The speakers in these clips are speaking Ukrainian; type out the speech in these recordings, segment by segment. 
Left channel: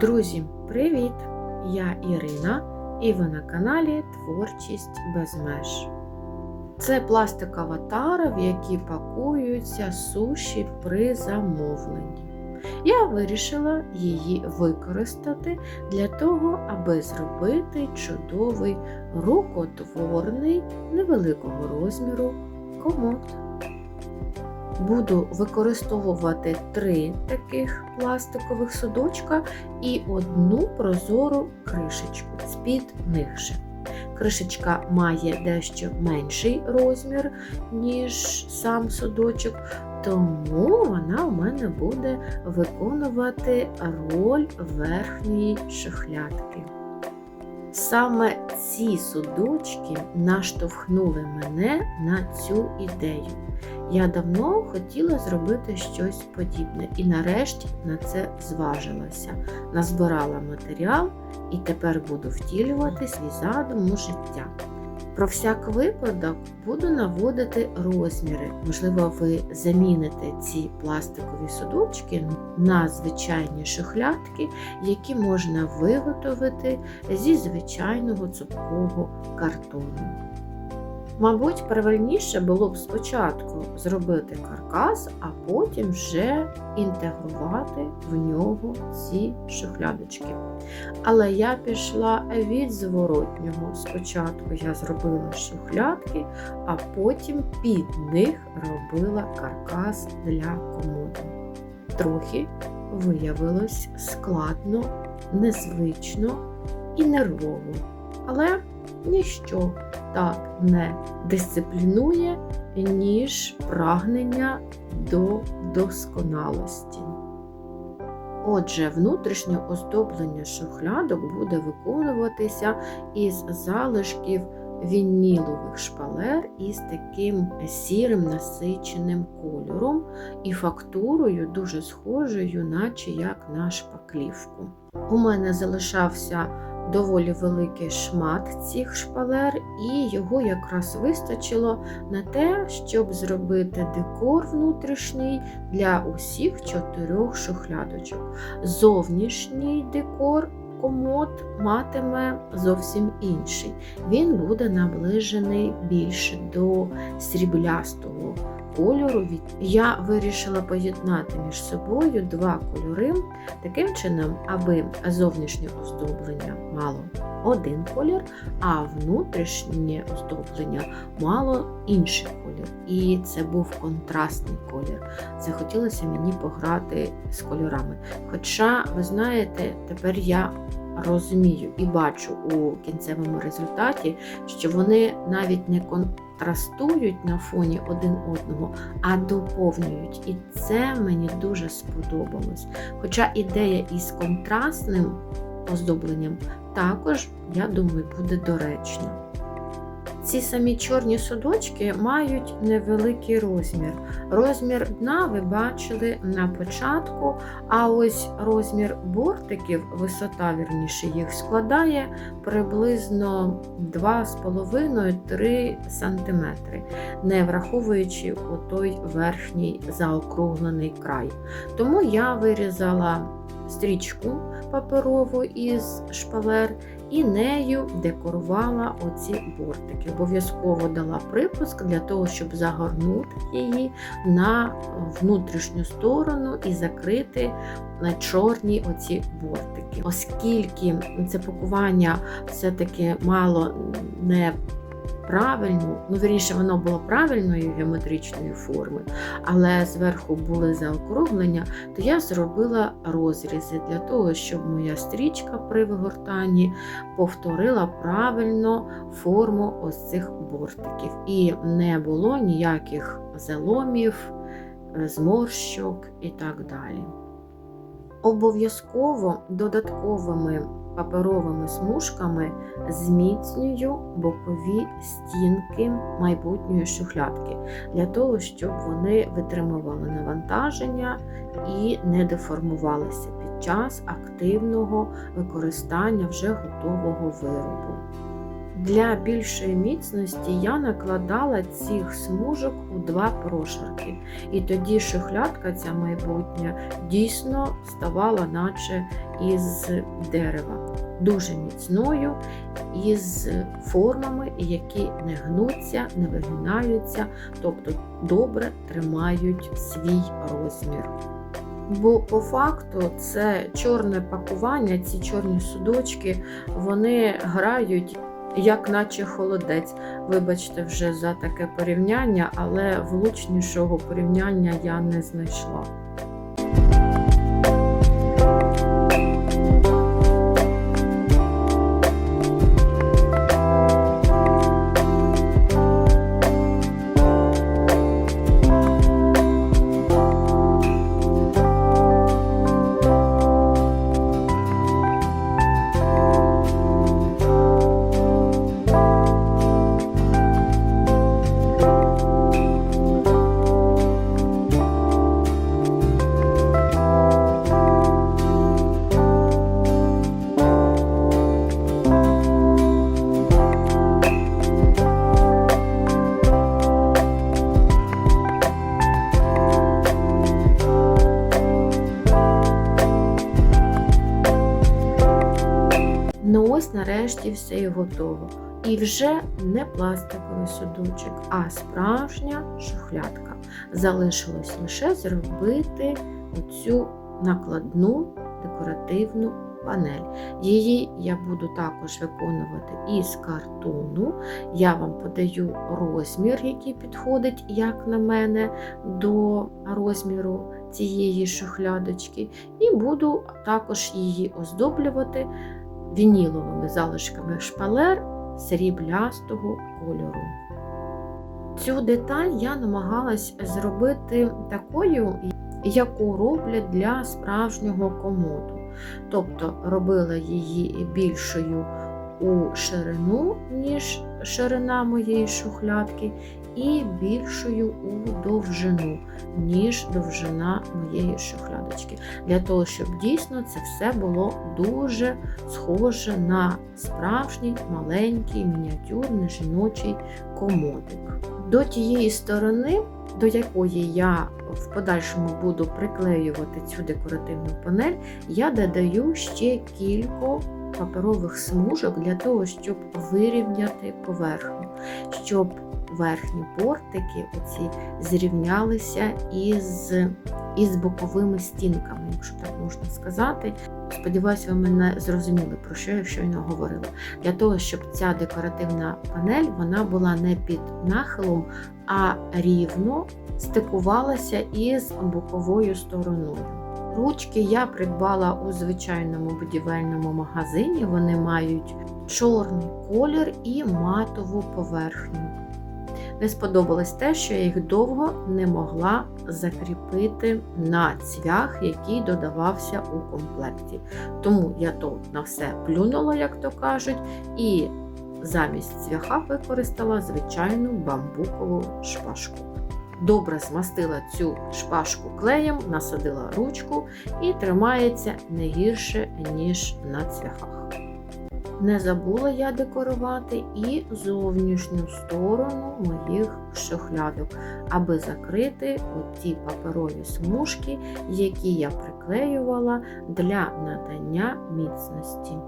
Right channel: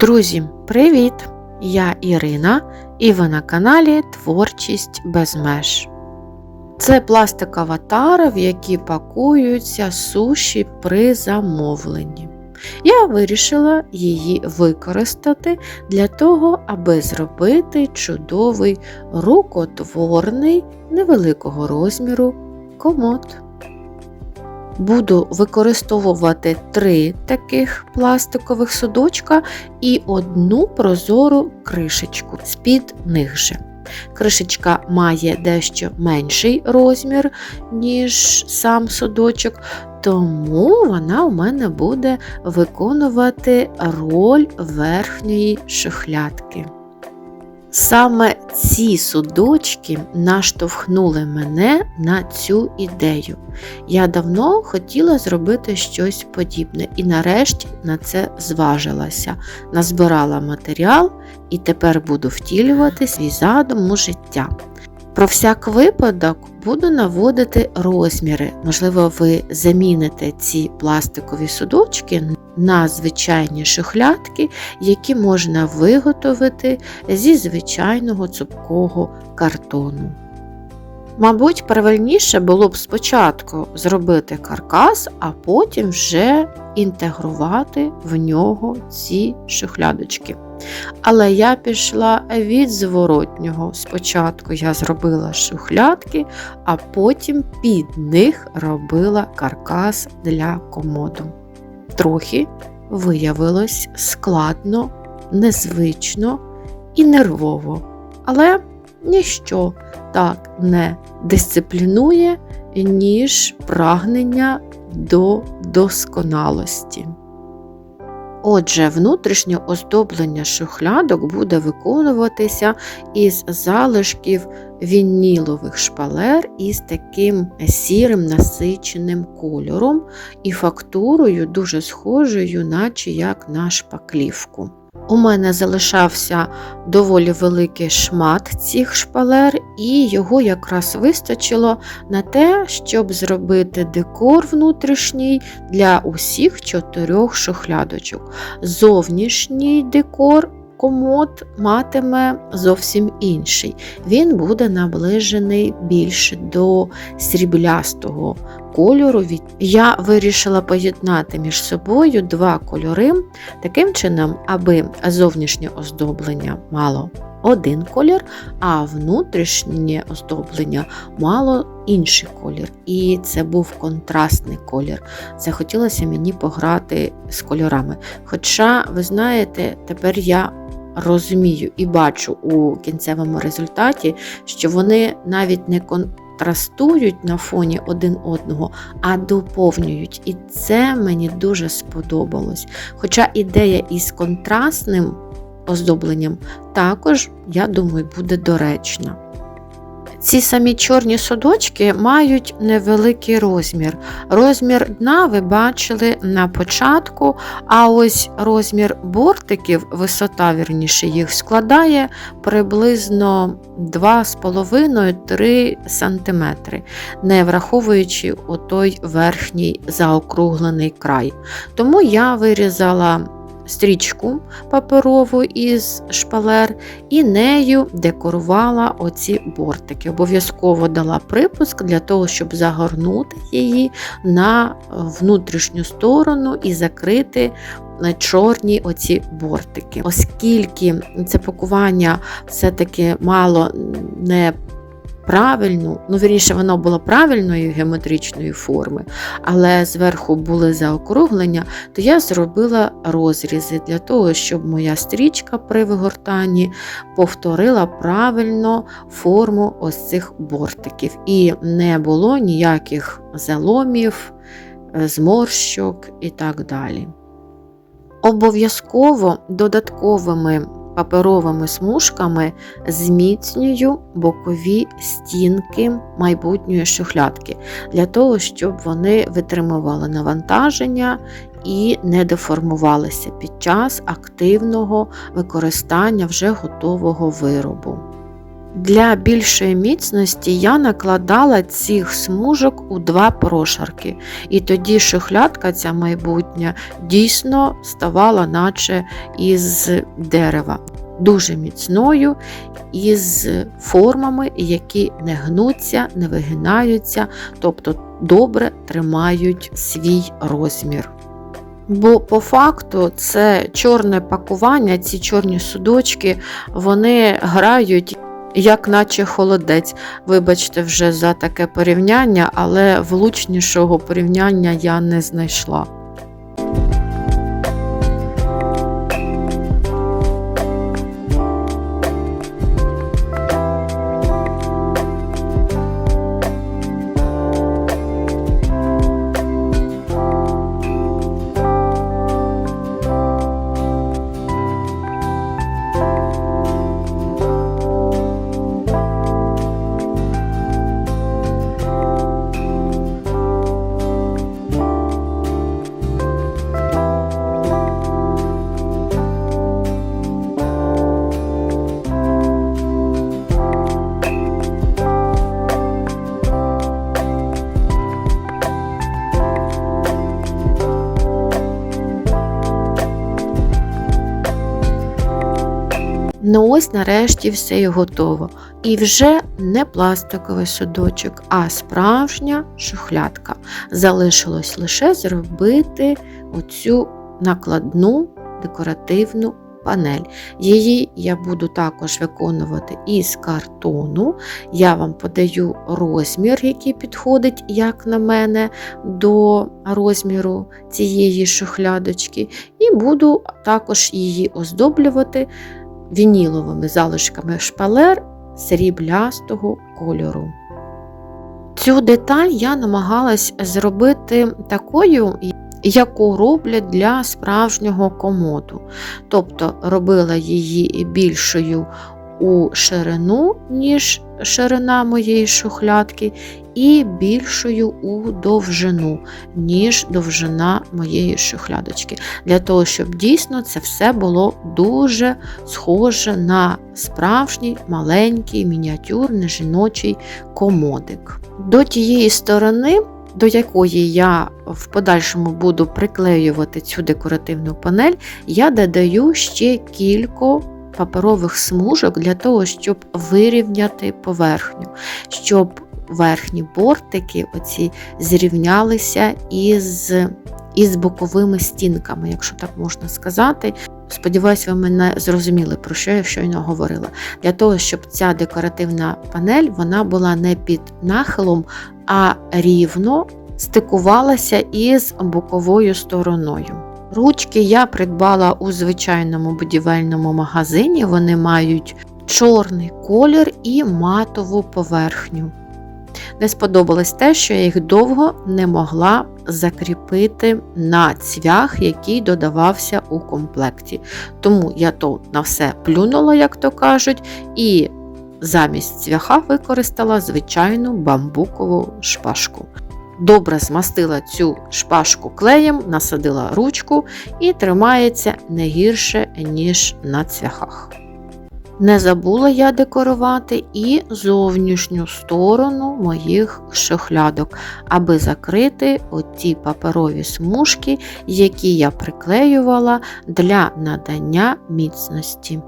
Друзі, привіт! Я Ірина і ви на каналі Творчість без меж. Це пластикова тара, в якій пакуються суші при замовленні. Я вирішила її використати для того, аби зробити чудовий рукотворний невеликого розміру комод. Буду використовувати три таких пластикових судочка і одну прозору кришечку з-під них же. Кришечка має дещо менший розмір, ніж сам судочок, тому вона у мене буде виконувати роль верхньої шухлядки. Саме ці судочки наштовхнули мене на цю ідею. Я давно хотіла зробити щось подібне і нарешті на це зважилася, назбирала матеріал і тепер буду втілювати свій задум у життя. Про всяк випадок буду наводити розміри. Можливо, ви заміните ці пластикові судочки на звичайні шухлядки, які можна виготовити зі звичайного цупкого картону. Мабуть, правильніше було б спочатку зробити каркас, а потім вже інтегрувати в нього ці шухлядочки. Але я пішла від зворотнього. Спочатку я зробила шухлядки, а потім під них робила каркас для комоду. Трохи виявилось складно, незвично і нервово. Але ніщо так не дисциплінує, ніж прагнення до досконалості. Отже, внутрішнє оздоблення шухлядок буде виконуватися із залишків вінілових шпалер із таким сірим насиченим кольором і фактурою дуже схожою, наче як на шпаклівку. У мене залишався доволі великий шмат цих шпалер, і його якраз вистачило на те, щоб зробити декор внутрішній для усіх чотирьох шухлядочок. Зовнішній декор комод матиме зовсім інший. Він буде наближений більше до сріблястого кольору. Я вирішила поєднати між собою два кольори, таким чином, аби зовнішнє оздоблення мало один колір, а внутрішнє оздоблення мало інший колір. І це був контрастний колір. Захотілося мені пограти з кольорами. Хоча, ви знаєте, тепер я розумію і бачу у кінцевому результаті, що вони навіть не контрастують на фоні один одного, а доповнюють. І це мені дуже сподобалось. Хоча ідея із контрастним оздобленням також, я думаю, буде доречна. Ці самі чорні судочки мають невеликий розмір. Розмір дна ви бачили на початку, а ось розмір бортиків, висота вірніше їх складає приблизно 2,5-3 см, не враховуючи той верхній заокруглений край. Тому я вирізала стрічку паперову із шпалер і нею декорувала оці бортики. Обов'язково дала припуск для того, щоб загорнути її на внутрішню сторону і закрити чорні оці бортики. Оскільки це пакування все-таки мало не правильну, ну вірніше, воно було правильної геометричної форми, але зверху були заокруглення, то я зробила розрізи для того, щоб моя стрічка при вигортанні повторила правильно форму ось цих бортиків. І не було ніяких заломів, е, зморщок і так далі. Обов'язково додатковими паперовими смужками зміцнюю бокові стінки майбутньої шухлядки, для того, щоб вони витримували навантаження і не деформувалися під час активного використання вже готового виробу. Для більшої міцності я накладала цих смужок у два прошарки, і тоді шухлядка ця майбутня дійсно ставала, наче із дерева, дуже міцною, із формами, які не гнуться, не вигинаються, тобто добре тримають свій розмір. Бо по факту це чорне пакування, ці чорні судочки, вони грають як наче холодець. Вибачте, вже за таке порівняння, але влучнішого порівняння я не знайшла. Ось нарешті все і готово. І вже не пластиковий судочок, а справжня шухлядка. Залишилось лише зробити оцю накладну декоративну панель. Її я буду також виконувати із картону. Я вам подаю розмір, який підходить, як на мене, до розміру цієї шухлядочки, і буду також її оздоблювати вініловими залишками шпалер сріблястого кольору. Цю деталь я намагалась зробити такою, яку роблять для справжнього комоду. Тобто робила її більшою у ширину, ніж ширина моєї шухлядки, і більшою у довжину, ніж довжина моєї шухлядочки. Для того, щоб дійсно це все було дуже схоже на справжній маленький мініатюрний жіночий комодик. До тієї сторони. До якої я в подальшому буду приклеювати цю декоративну панель, я додаю ще кілька паперових смужок для того, щоб вирівняти поверхню, щоб верхні бортики оці зрівнялися із із боковими стінками, якщо так можна сказати. Сподіваюсь, ви мене зрозуміли, про що я щойно говорила. Для того, щоб ця декоративна панель вона була не під нахилом, а рівно стикувалася із боковою стороною. Ручки я придбала у звичайному будівельному магазині, вони мають чорний колір і матову поверхню. Не сподобалось те, що я їх довго не могла закріпити на цвях, який додавався у комплекті. Тому я тут на все плюнула, як то кажуть, і замість цвяха використала звичайну бамбукову шпажку. Добре змастила цю шпажку клеєм, насадила ручку і тримається не гірше, ніж на цвяхах. Не забула я декорувати і зовнішню сторону моїх шохлядок, аби закрити оті паперові смужки, які я приклеювала для надання міцності.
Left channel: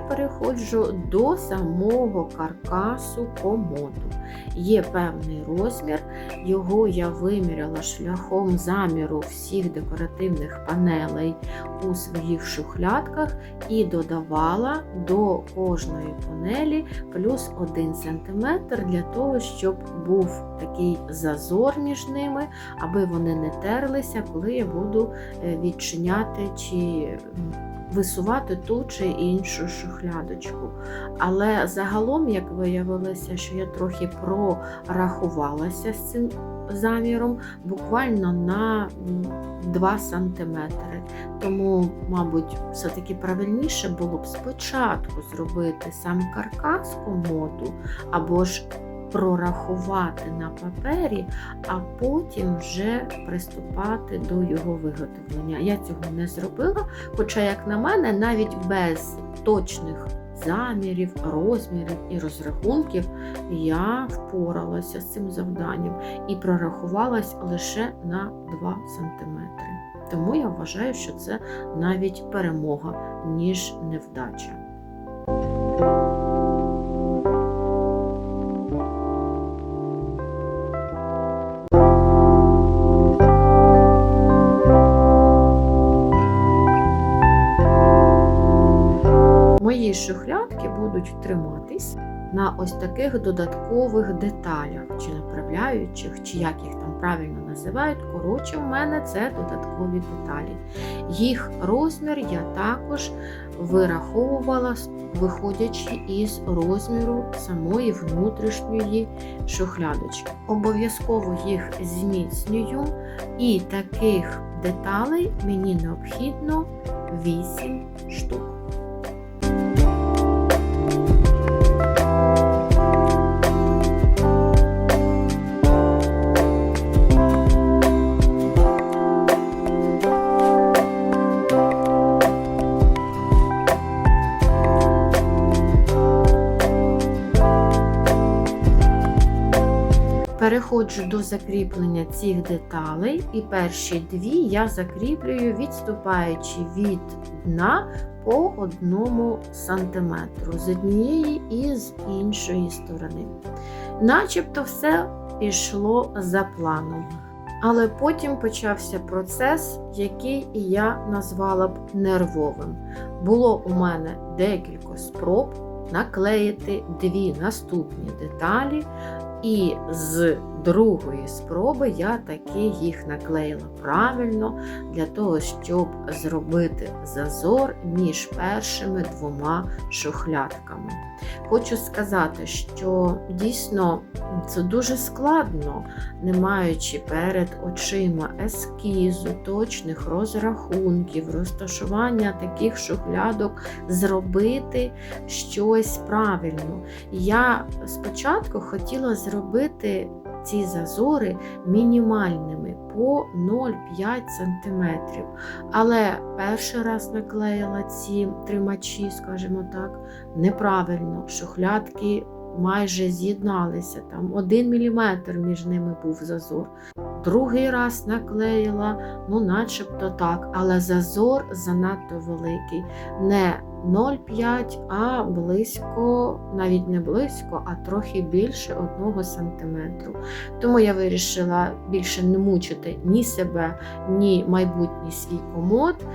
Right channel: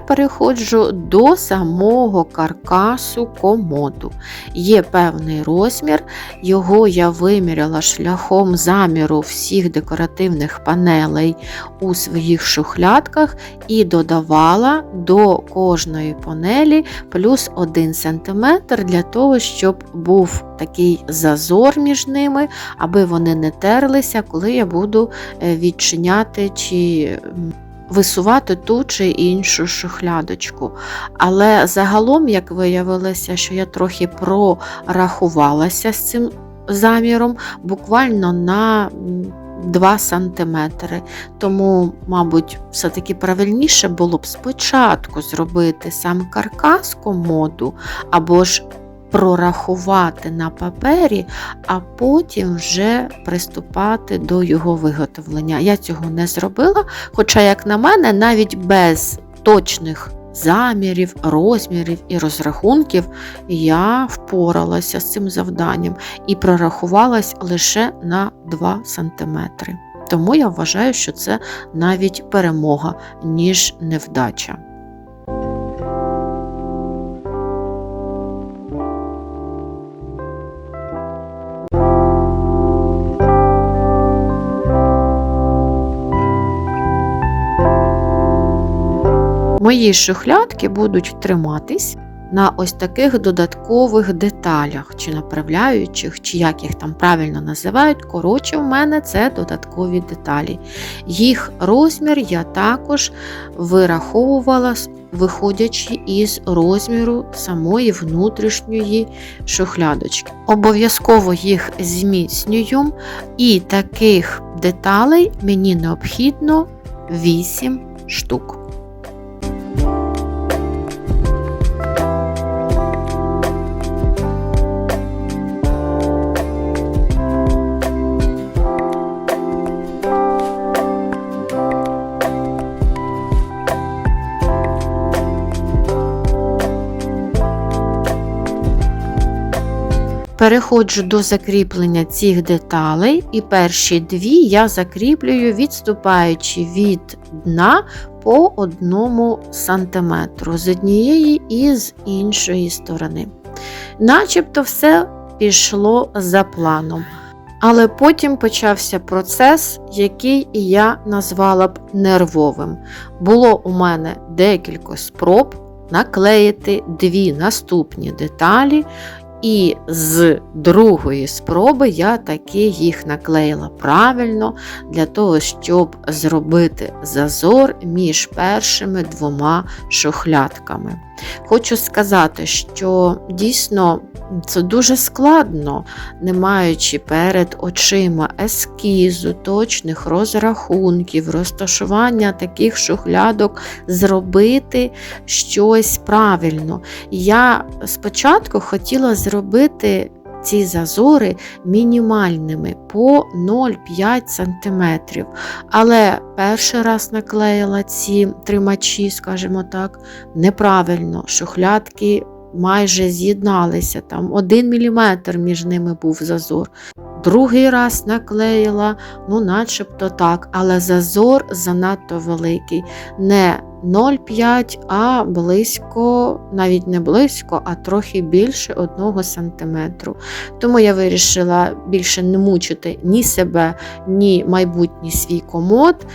Тепер переходжу до самого каркасу комоду. Є певний розмір, його я виміряла шляхом заміру всіх декоративних панелей у своїх шухлядках і додавала до кожної панелі плюс 1 см для того, щоб був такий зазор між ними, аби вони не терлися, коли я буду е, відчиняти чи висувати ту чи іншу шухлядочку. Але загалом, як виявилося, що я трохи прорахувалася з цим заміром, буквально на 2 см. Тому, мабуть, все-таки правильніше було б спочатку зробити сам каркас комоду, або ж прорахувати на папері, а потім вже приступати до його виготовлення. Я цього не зробила, хоча, як на мене, навіть без точних замірів, розмірів і розрахунків я впоралася з цим завданням і прорахувалась лише на 2 см. Тому я вважаю, що це навіть перемога, ніж невдача. Мої шухлядки будуть триматись на ось таких додаткових деталях, чи направляючих, чи як їх там правильно називають. Коротше, в мене це додаткові деталі. Їх розмір я також вираховувала, виходячи із розміру самої внутрішньої шухлядочки. Обов'язково їх зміцнюю, і таких деталей мені необхідно 8 штук. Переходжу до закріплення цих деталей, і перші дві я закріплюю, відступаючи від дна по одному сантиметру з однієї і з іншої сторони. Начебто все пішло за планом. Але потім почався процес, який я назвала б нервовим. Було у мене декілька спроб наклеїти дві наступні деталі. І з другої спроби я таки їх наклеїла правильно для того, щоб зробити зазор між першими двома шухлядками. Хочу сказати, що дійсно це дуже складно, не маючи перед очима ескізу, точних розрахунків, розташування таких шухлядок, зробити щось правильно. Я спочатку хотіла зробити ці зазори мінімальними по 0,5 см. Але перший раз наклеїла ці тримачі, скажімо так, неправильно, шухлядки майже з'єдналися, там 1 мм між ними був зазор. Другий раз наклеїла, ну начебто так, але зазор занадто великий. Не 0,5, а близько, навіть не близько, а трохи більше 1 см. Тому я вирішила більше не мучити ні себе, ні майбутній свій комод.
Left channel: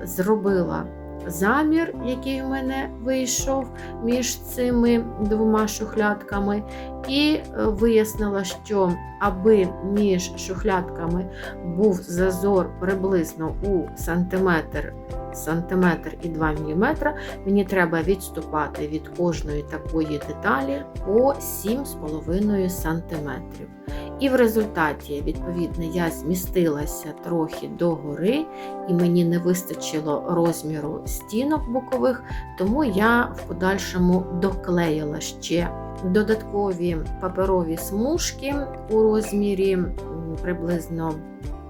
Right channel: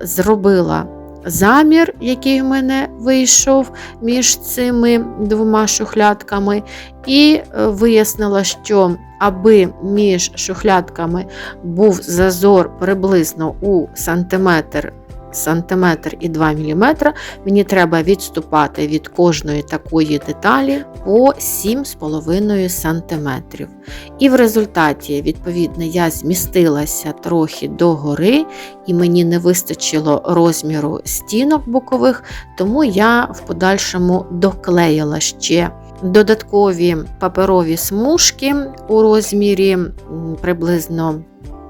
Зробила замір, який в мене вийшов між цими двома шухлядками, і е, вияснила, що аби між шухлядками був зазор приблизно у сантиметр сантиметр і 2 мм, мені треба відступати від кожної такої деталі по 7,5 см. І в результаті, відповідно, я змістилася трохи догори, і мені не вистачило розміру стінок бокових, тому я в подальшому доклеїла ще. Додаткові паперові смужки у розмірі приблизно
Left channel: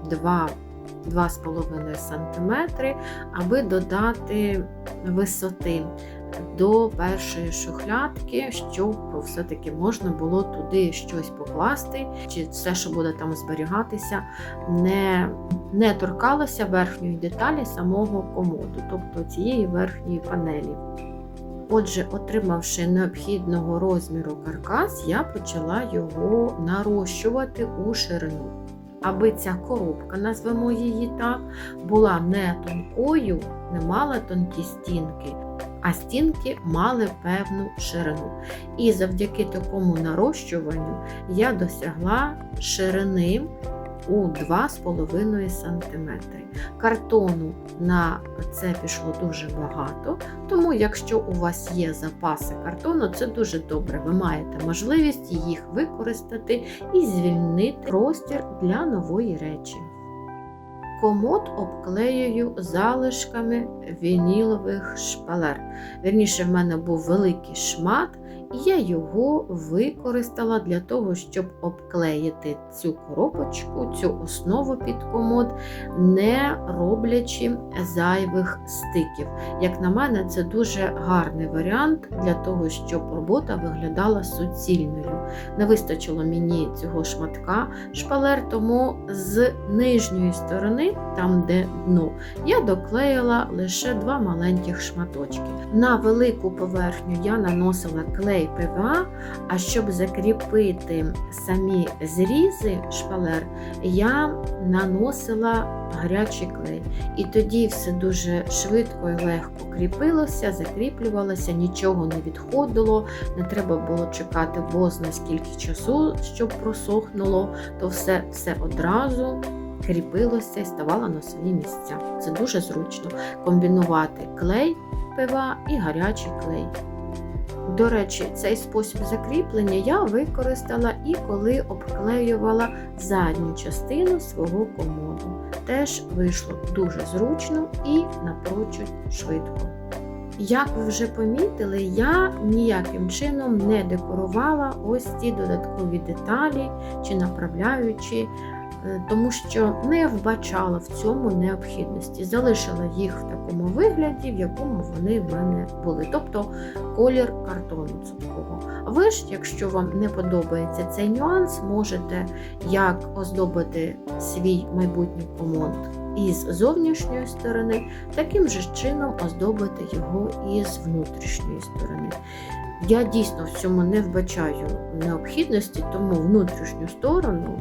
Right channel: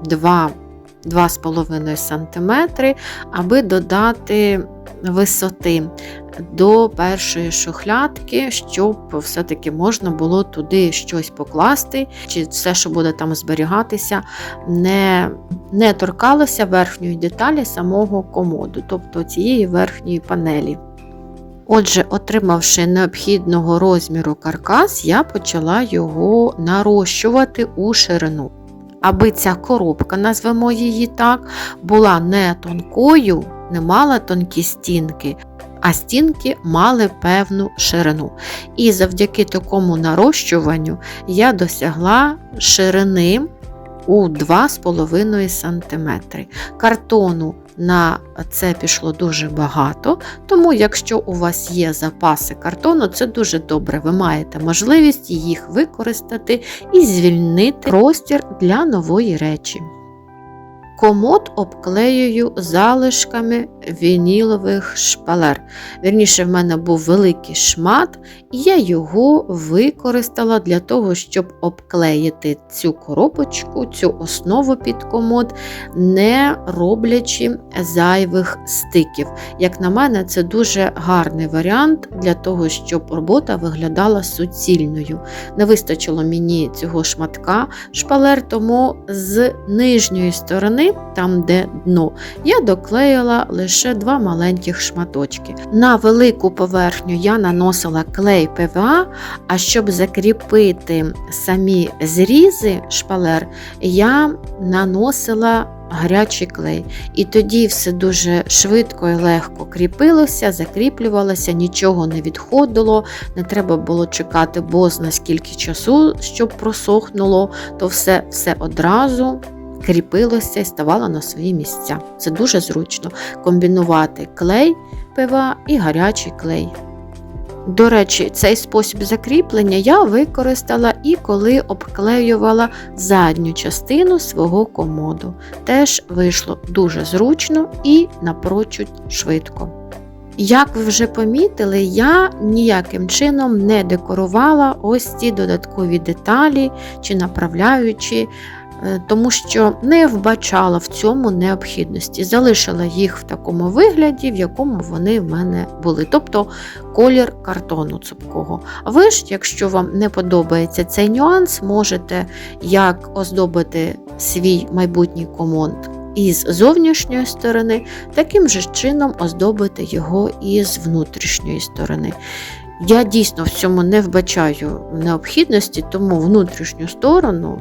2 2,5 см, аби додати висоти до першої шухлядки, щоб все-таки можна було туди щось покласти, чи все, що буде там зберігатися, не не торкалося верхньої деталі самого комоду, тобто цієї верхньої панелі. Отже, отримавши необхідного розміру каркас, я почала його нарощувати у ширину. Аби ця коробка, назвемо її так, була не тонкою, не мала тонкі стінки, а стінки мали певну ширину. І завдяки такому нарощуванню я досягла ширини у 2,5 см. Картону на це пішло дуже багато, тому якщо у вас є запаси картону, це дуже добре. Ви маєте можливість їх використати і звільнити простір для нової речі. Комод обклеюю залишками вінілових шпалер. Вірніше, в мене був великий шмат, і я його використала для того, щоб обклеїти цю коробочку, цю основу під комод, не роблячи зайвих стиків. Як на мене, це дуже гарний варіант для того, щоб робота виглядала суцільною. Не вистачило мені цього шматка шпалер, тому з нижньої сторони там, де дно, я доклеїла лише два маленьких шматочки. На велику поверхню я наносила клей ПВА, а щоб закріпити самі зрізи шпалер, я наносила гарячий клей. І тоді все дуже швидко і легко кріпилося, закріплювалося, нічого не відходило, не треба було чекати бозна скільки часу, щоб просохнуло, то все, все одразу кріпилося і ставало на свої місця. Це дуже зручно комбінувати клей пива і гарячий клей. До речі, цей спосіб закріплення я використала і коли обклеювала задню частину свого комоду. Теж вийшло дуже зручно і напрочуд швидко. Як ви вже помітили, я ніяким чином не декорувала ось ці додаткові деталі чи направляючи тому що не вбачала в цьому необхідності. Залишила їх в такому вигляді, в якому вони в мене були, тобто колір картону цупкого. Ви ж, якщо вам не подобається цей нюанс, можете як оздобити свій майбутній комод із зовнішньої сторони, таким же чином оздобити його із внутрішньої сторони. Я дійсно в цьому не вбачаю необхідності, тому внутрішню сторону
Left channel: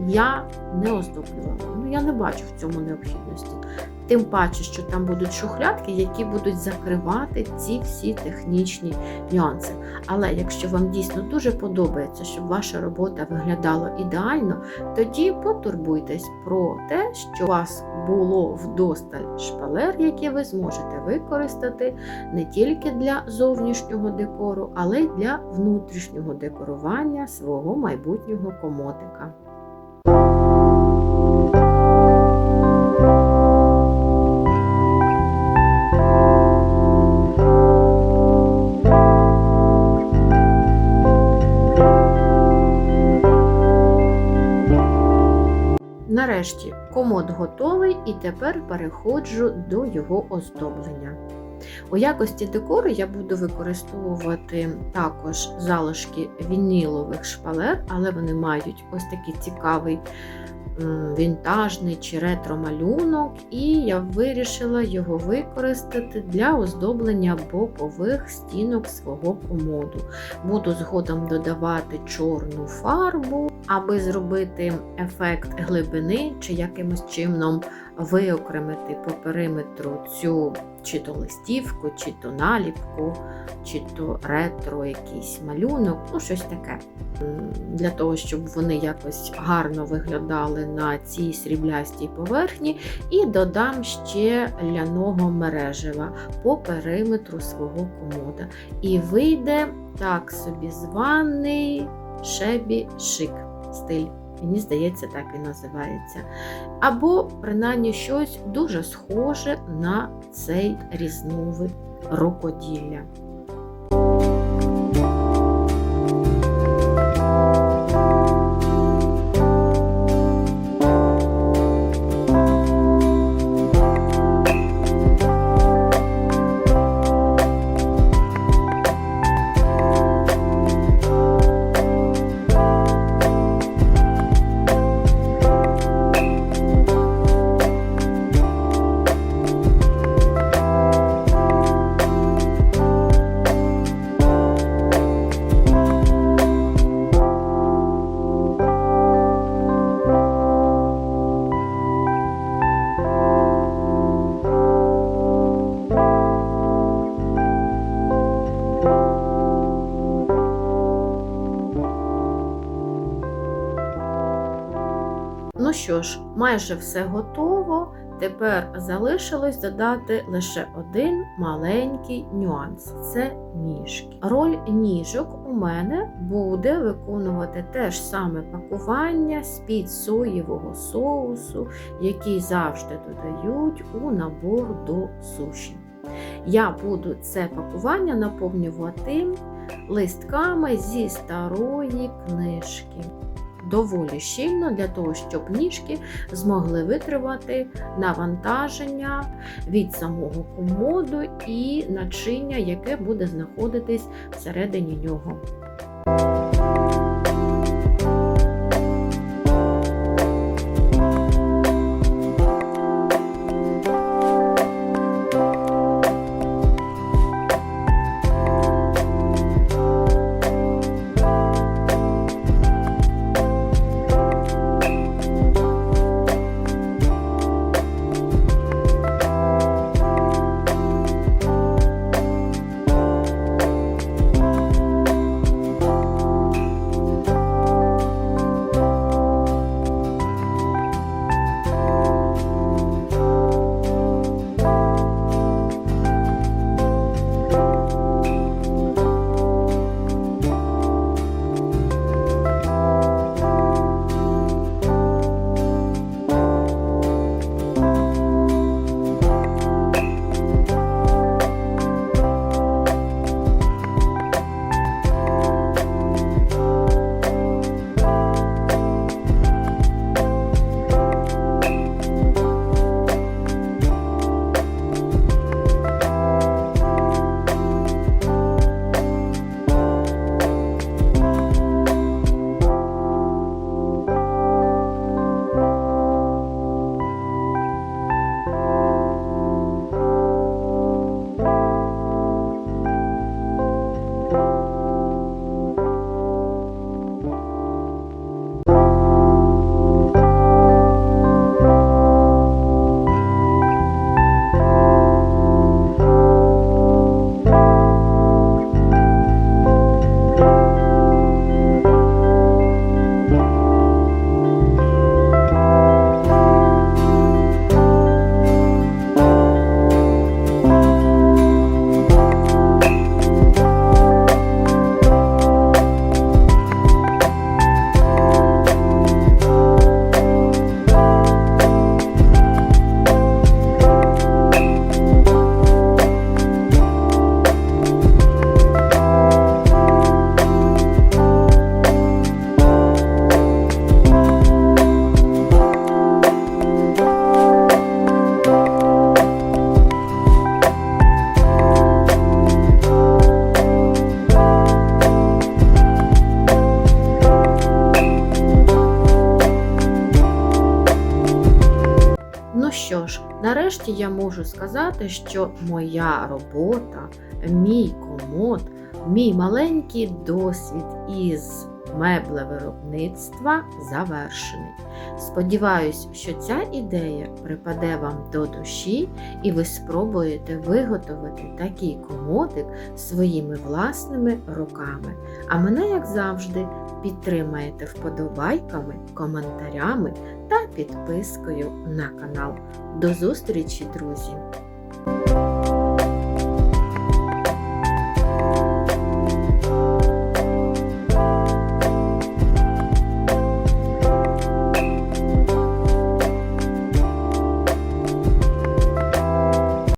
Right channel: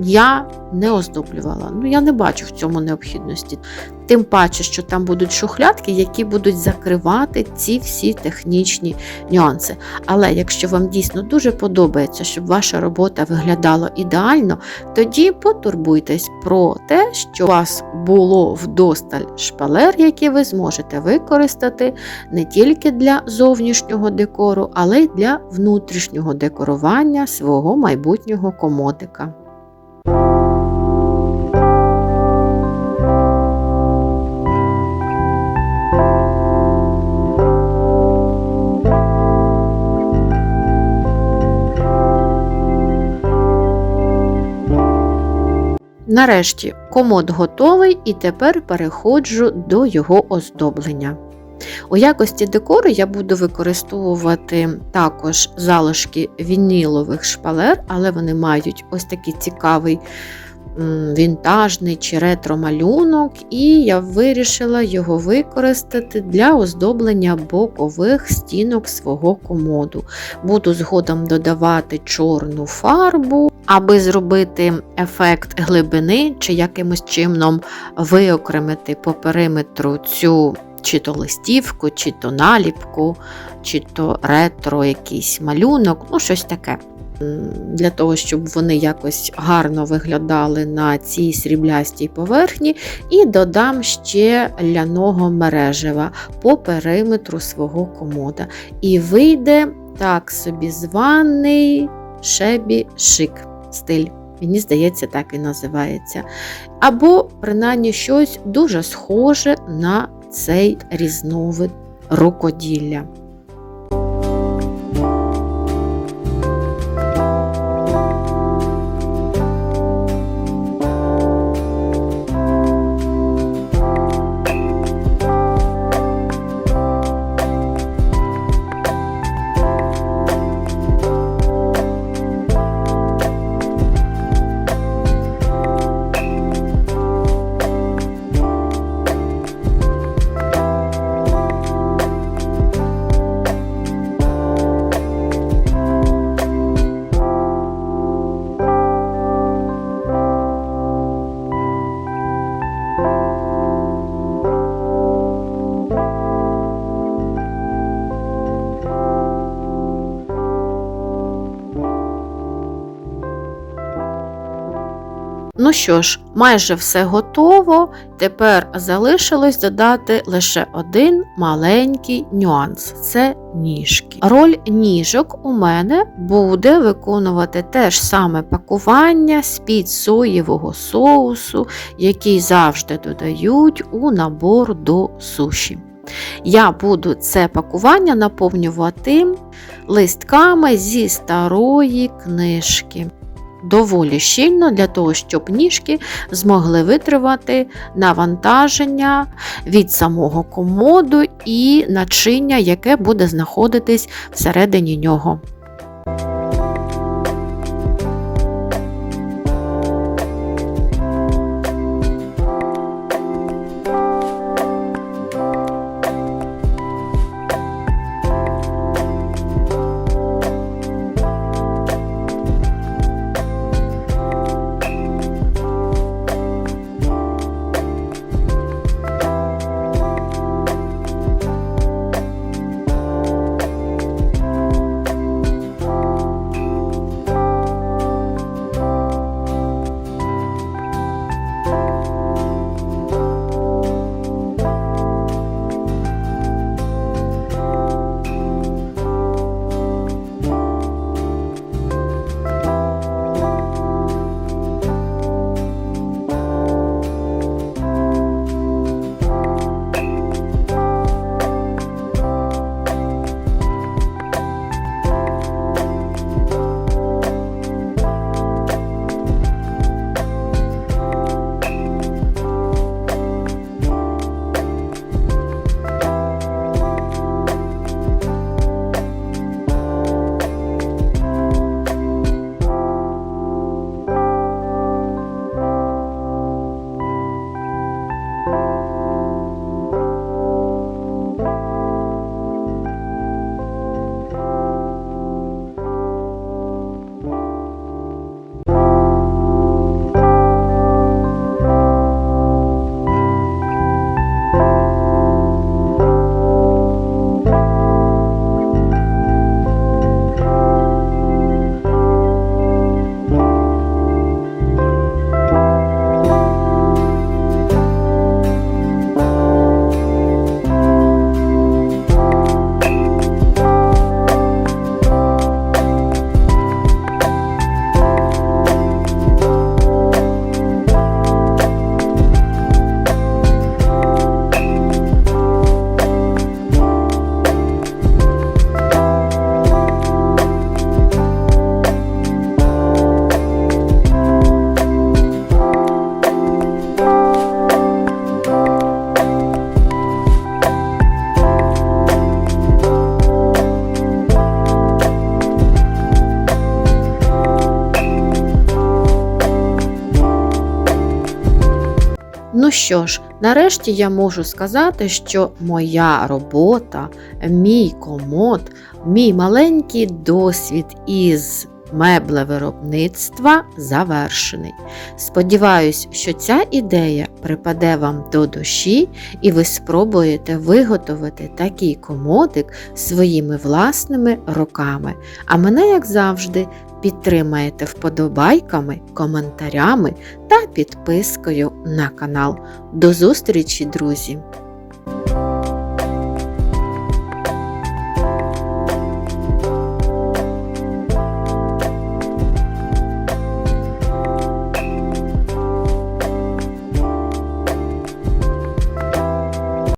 я не оздоблювала. Ну, я не бачу в цьому необхідності. Тим паче, що там будуть шухлядки, які будуть закривати ці всі технічні нюанси. Але якщо вам дійсно дуже подобається, щоб ваша робота виглядала ідеально, тоді потурбуйтесь про те, що у вас було вдосталь шпалер, які ви зможете використати не тільки для зовнішнього декору, але й для внутрішнього декорування свого майбутнього комодика. Нарешті комод готовий і тепер переходжу до його оздоблення. У якості декору я буду використовувати також залишки вінілових шпалер, але вони мають ось такий цікавий вінтажний чи ретро-малюнок, і я вирішила його використати для оздоблення бокових стінок свого комоду. Буду згодом додавати чорну фарбу, аби зробити ефект глибини, чи якимось чином виокремити по периметру цю чи то листівку, чи то наліпку, чи то ретро якийсь малюнок, ну щось таке. Для того, щоб вони якось гарно виглядали на цій сріблястій поверхні, і додам ще ляного мережева по периметру свого комода. І вийде так собі званий шебі шик стиль. Мені здається, так і називається. Або, принаймні, щось дуже схоже на цей різновид рукоділля. Що ж, майже все готово. Тепер залишилось додати лише один маленький нюанс це ніжки. Роль ніжок у мене буде виконувати те ж саме пакування з-під соєвого соусу, який завжди додають у набор до суші. Я буду це пакування наповнювати листками зі старої книжки. Доволі щільно для того, щоб ніжки змогли витривати навантаження від самого комоду і начиння, яке буде знаходитись всередині нього. Що ж, нарешті я можу сказати, що моя робота, мій комод, мій маленький досвід із меблевиробництва завершений. Сподіваюсь, що ця ідея припаде вам до душі і ви спробуєте виготовити такий комодик своїми власними руками. А мене, як завжди, підтримаєте вподобайками, коментарями та підпискою на канал. До зустрічі, друзі!